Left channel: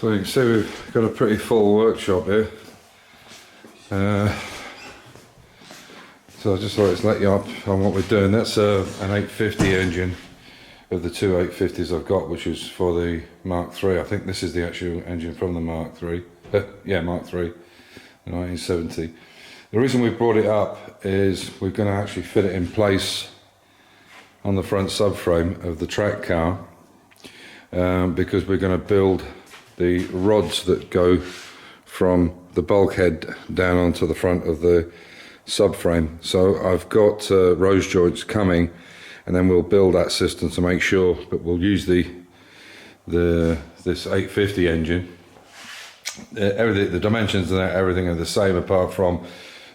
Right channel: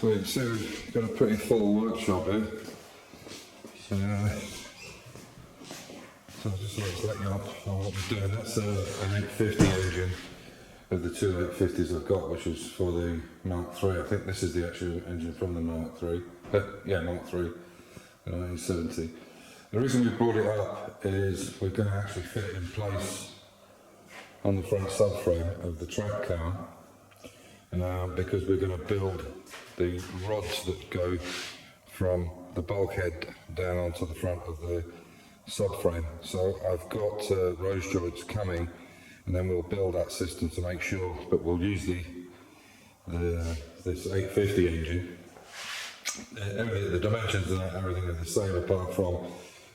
So you can see we've got a pretty full workshop here. So I just thought to let you up on what we're doing. That's an 850 engine of the two 850s I've got, which is for the Mark III. I think this is the actual engine from the Mark III. Yeah, Mark III, the 1970. The reason we brought it up is we're going to actually fit it in place on the front subframe of the track car, because we're going to build the rods that go from the bulkhead down onto the front of the subframe. So I've got rose joints coming, and then we'll build that system to make sure, but we'll use this 850 engine. Everything, the dimensions and everything are the same, apart from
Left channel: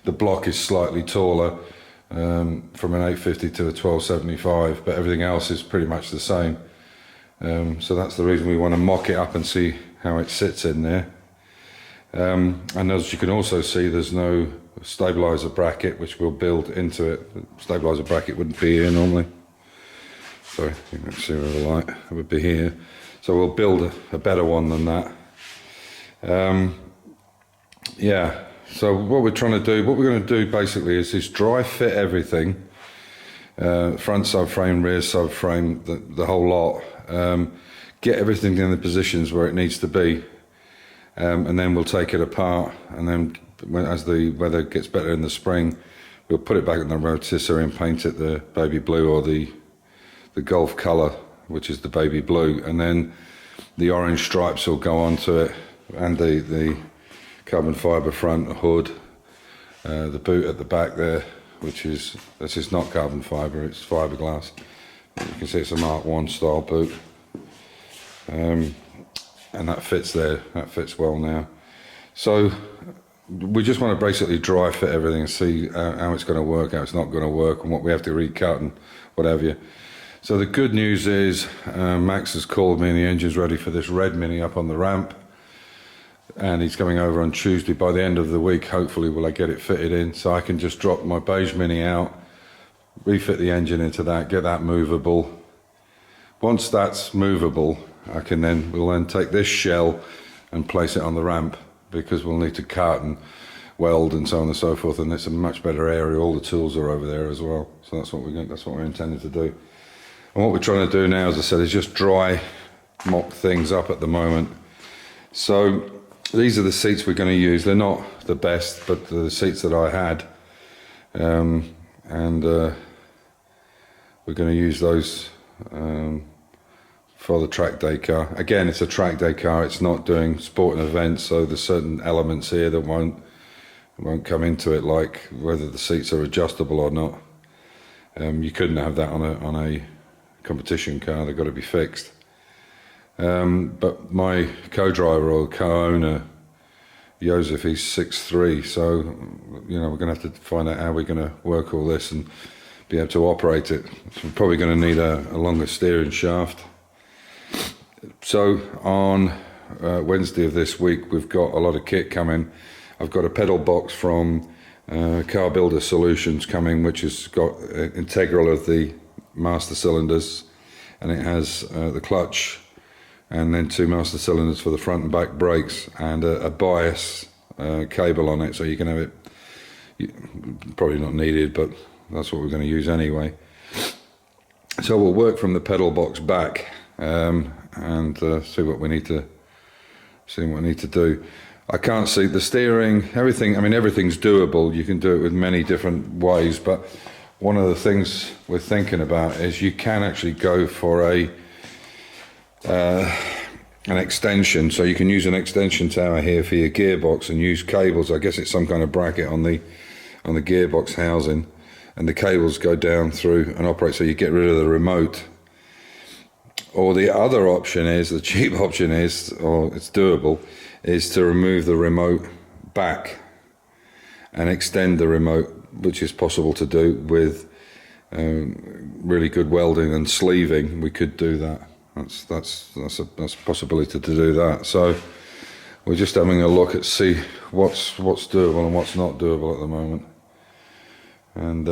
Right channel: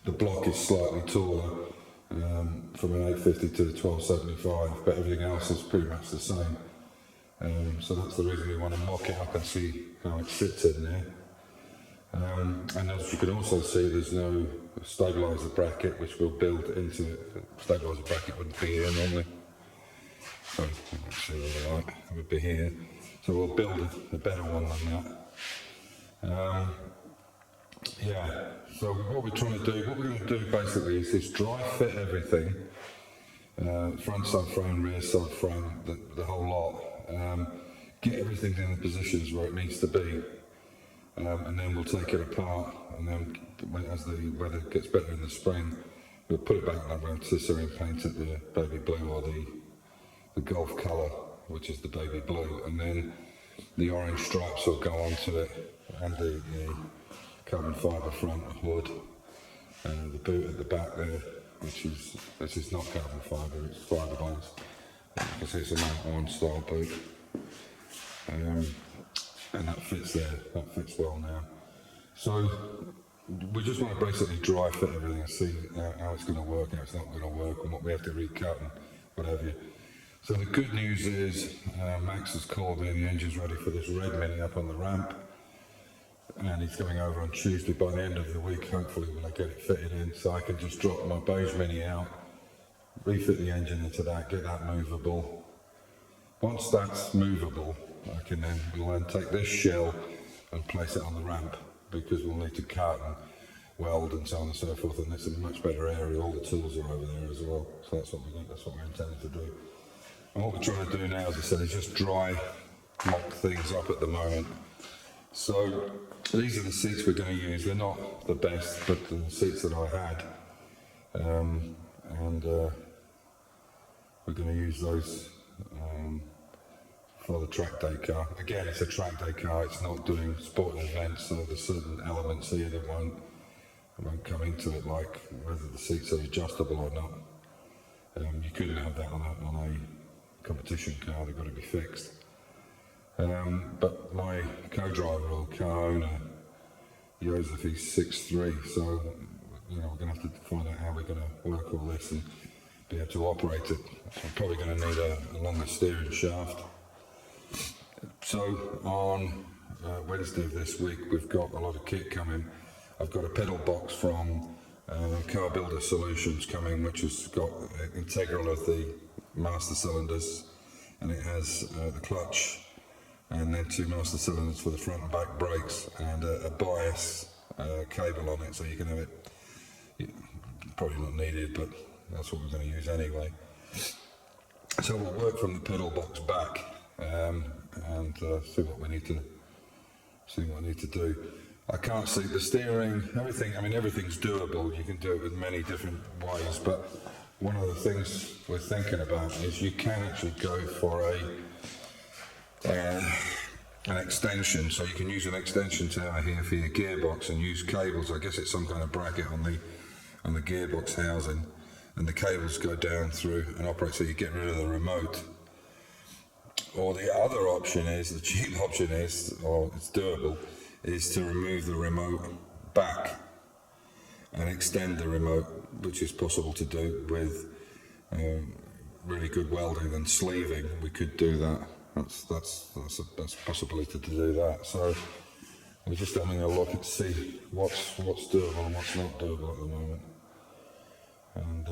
the block is slightly taller from an 850 to a 1275, but everything else is pretty much the same. So that's the reason we want to mock it up and see how it sits in there. And as you can also see, there's no stabilizer bracket which we'll build into it. The stabilizer bracket wouldn't be here normally. Sorry, let's see with the light. It would be here. So we'll build a better one than that. Yeah. So what we're trying to do, what we're going to do basically is just dry fit everything. Front subframe, rear subframe, the whole lot. Get everything in the positions where it needs to be. And then we'll take it apart, and then as the weather gets better in the spring, we'll put it back in the rotisserie and paint it the baby blue, or the Gulf colour, which is the baby blue, and then the orange stripes will go onto it, and the carbon fibre front hood, the boot at the back there, this is not carbon fibre, it's fiberglass. You can see it's a Mark I style boot. And that fits there, that fits well now. So we just want to basically dry fit everything and see how it's going to work, how it's not going to work, and what we have to recut and what have you. So the good news is Max has called me and the engine's ready for this red Mini up on the ramp, and he's coming over on Tuesday. By the end of the week, hopefully, will I get it fitted in, so I can just drop my beige Mini out, refit the engine into that, get that movable. Once that's movable, we'll then take this shell and place it on the ramp, because we'll need to cut and weld and so on and so forth, and it's a much better area. All the tools are over there as well, so that's what we're intending to do. And what we're trying to do now, as I said, is just dry mock things up at the moment. So these are the seats we're going to use. They're not the best, but the seats that I had, and we're going to use those for the track day car. Again, it's a track day car, it's not doing sporting events, so there's certain elements here that won't come into it, like whether the seats are adjustable or not. You couldn't have that on a competition car, they've got to be fixed. But my co-driver or co-owner, Joseph, he's 6'3", so we're going to have to find out how we're going to work all this and be able to operate it. So we're probably going to need a longer steering shaft. So on Wednesday of this week, we've got a lot of kit coming. I've got a pedal box from Car Builder Solutions coming, which has got integral of the master cylinders, and it has the clutch, and then 2 master cylinders for the front and back brakes, and a bias cable on it, so you can have it. Probably not needed, but that's what we're going to use anyway. So we'll work from the pedal box back, and see what we need to do. I can't see the steering, everything. I mean, everything's doable. You can do it with many different ways, but one of the things we're thinking about is you can actually go for an extension. So you can use an extension tower here for your gearbox and use cables. I guess it's some kind of bracket on the gearbox housing, and the cables go down through and operate, so you get rid of the remote. Or the other option is, the cheap option is, or it's doable, is to remove the remote back and extend the remote, which is possible to do with really good welding and sleeving. We could do that. That's a possibility to do that. So we're just having a look at see what's doable and what's not doable at the moment. And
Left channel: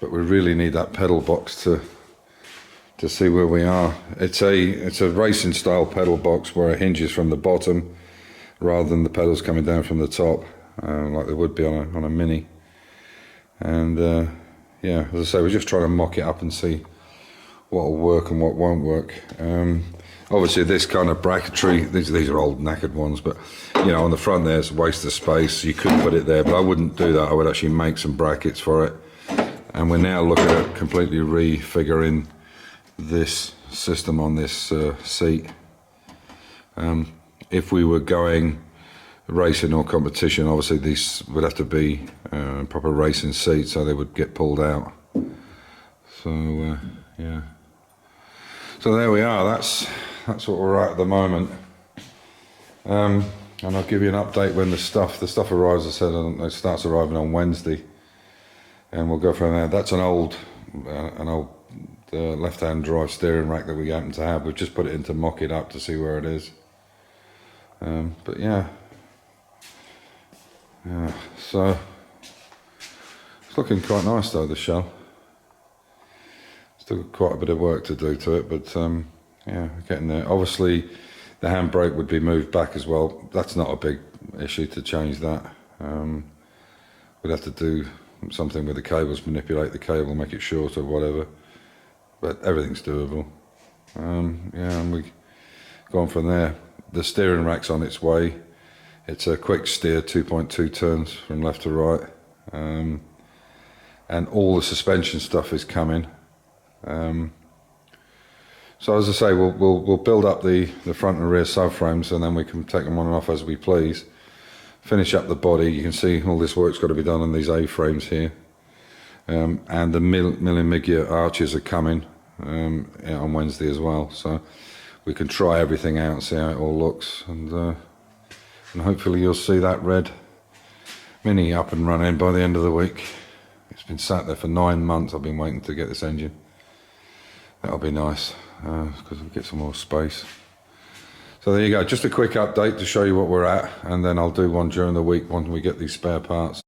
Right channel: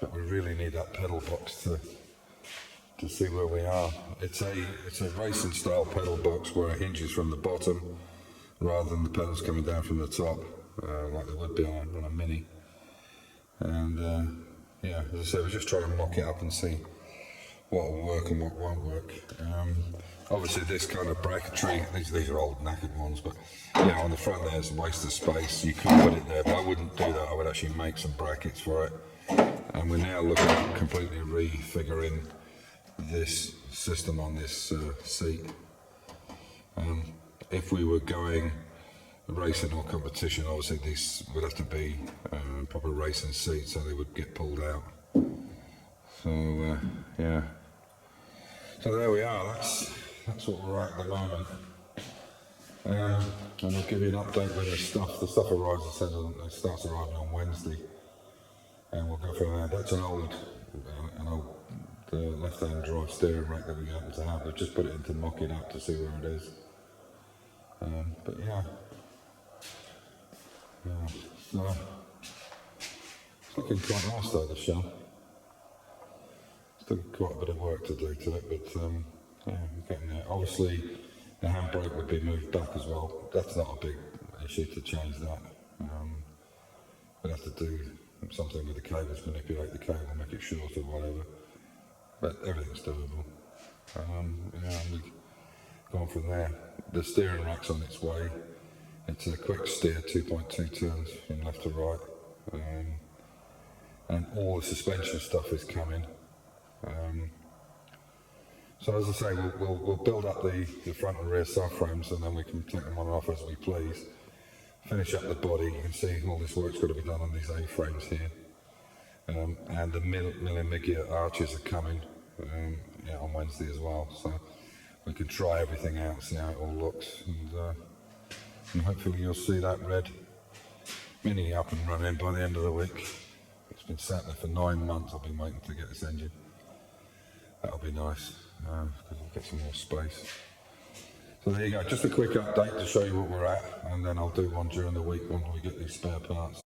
but we really need that pedal box to to see where we are. It's a racing style pedal box where it hinges from the bottom rather than the pedals coming down from the top, like they would be on a Mini. And yeah, as I say, we're just trying to mock it up and see what will work and what won't work. Obviously this kind of bracketry, these are old knackered ones, but you know, on the front there's a waste of space. You could put it there, but I wouldn't do that. I would actually make some brackets for it. And we're now looking at completely refiguring this system on this seat. If we were going racing or competition, obviously these would have to be proper racing seats, so they would get pulled out. So yeah, so there we are. That's what we're at the moment. And I'll give you an update when the stuff arrives. I said it starts arriving on Wednesday, and we'll go from there. That's an old left-hand drive steering rack that we happen to have. We've just put it in to mock it up to see where it is. But yeah, so it's looking quite nice though, the shell. Still quite a bit of work to do to it, but yeah, we're getting there. Obviously the handbrake would be moved back as well. That's not a big issue to change that. We'd have to do something with the cables, manipulate the cable, make it shorter, whatever, but everything's doable. Yeah, and we go on from there. The steering rack's on its way. It's a quick steer, 2.2 turns from left to right, and all the suspension stuff is coming. So as I say, we'll build up the front and rear subframes, and then we can take them on and off as we please. Finish up the body. You can see all this work's got to be done on these A-frames here, and the Millimiglia arches are coming on Wednesday as well. So we can try everything out and see how it all looks, and hopefully you'll see that red Mini up and running by the end of the week. It's been sat there for 9 months. I've been waiting to get this engine. That'll be nice, because we'll get some more space. So there you go, just a quick update to show you what we're at, and then I'll do one during the week when we get these spare parts.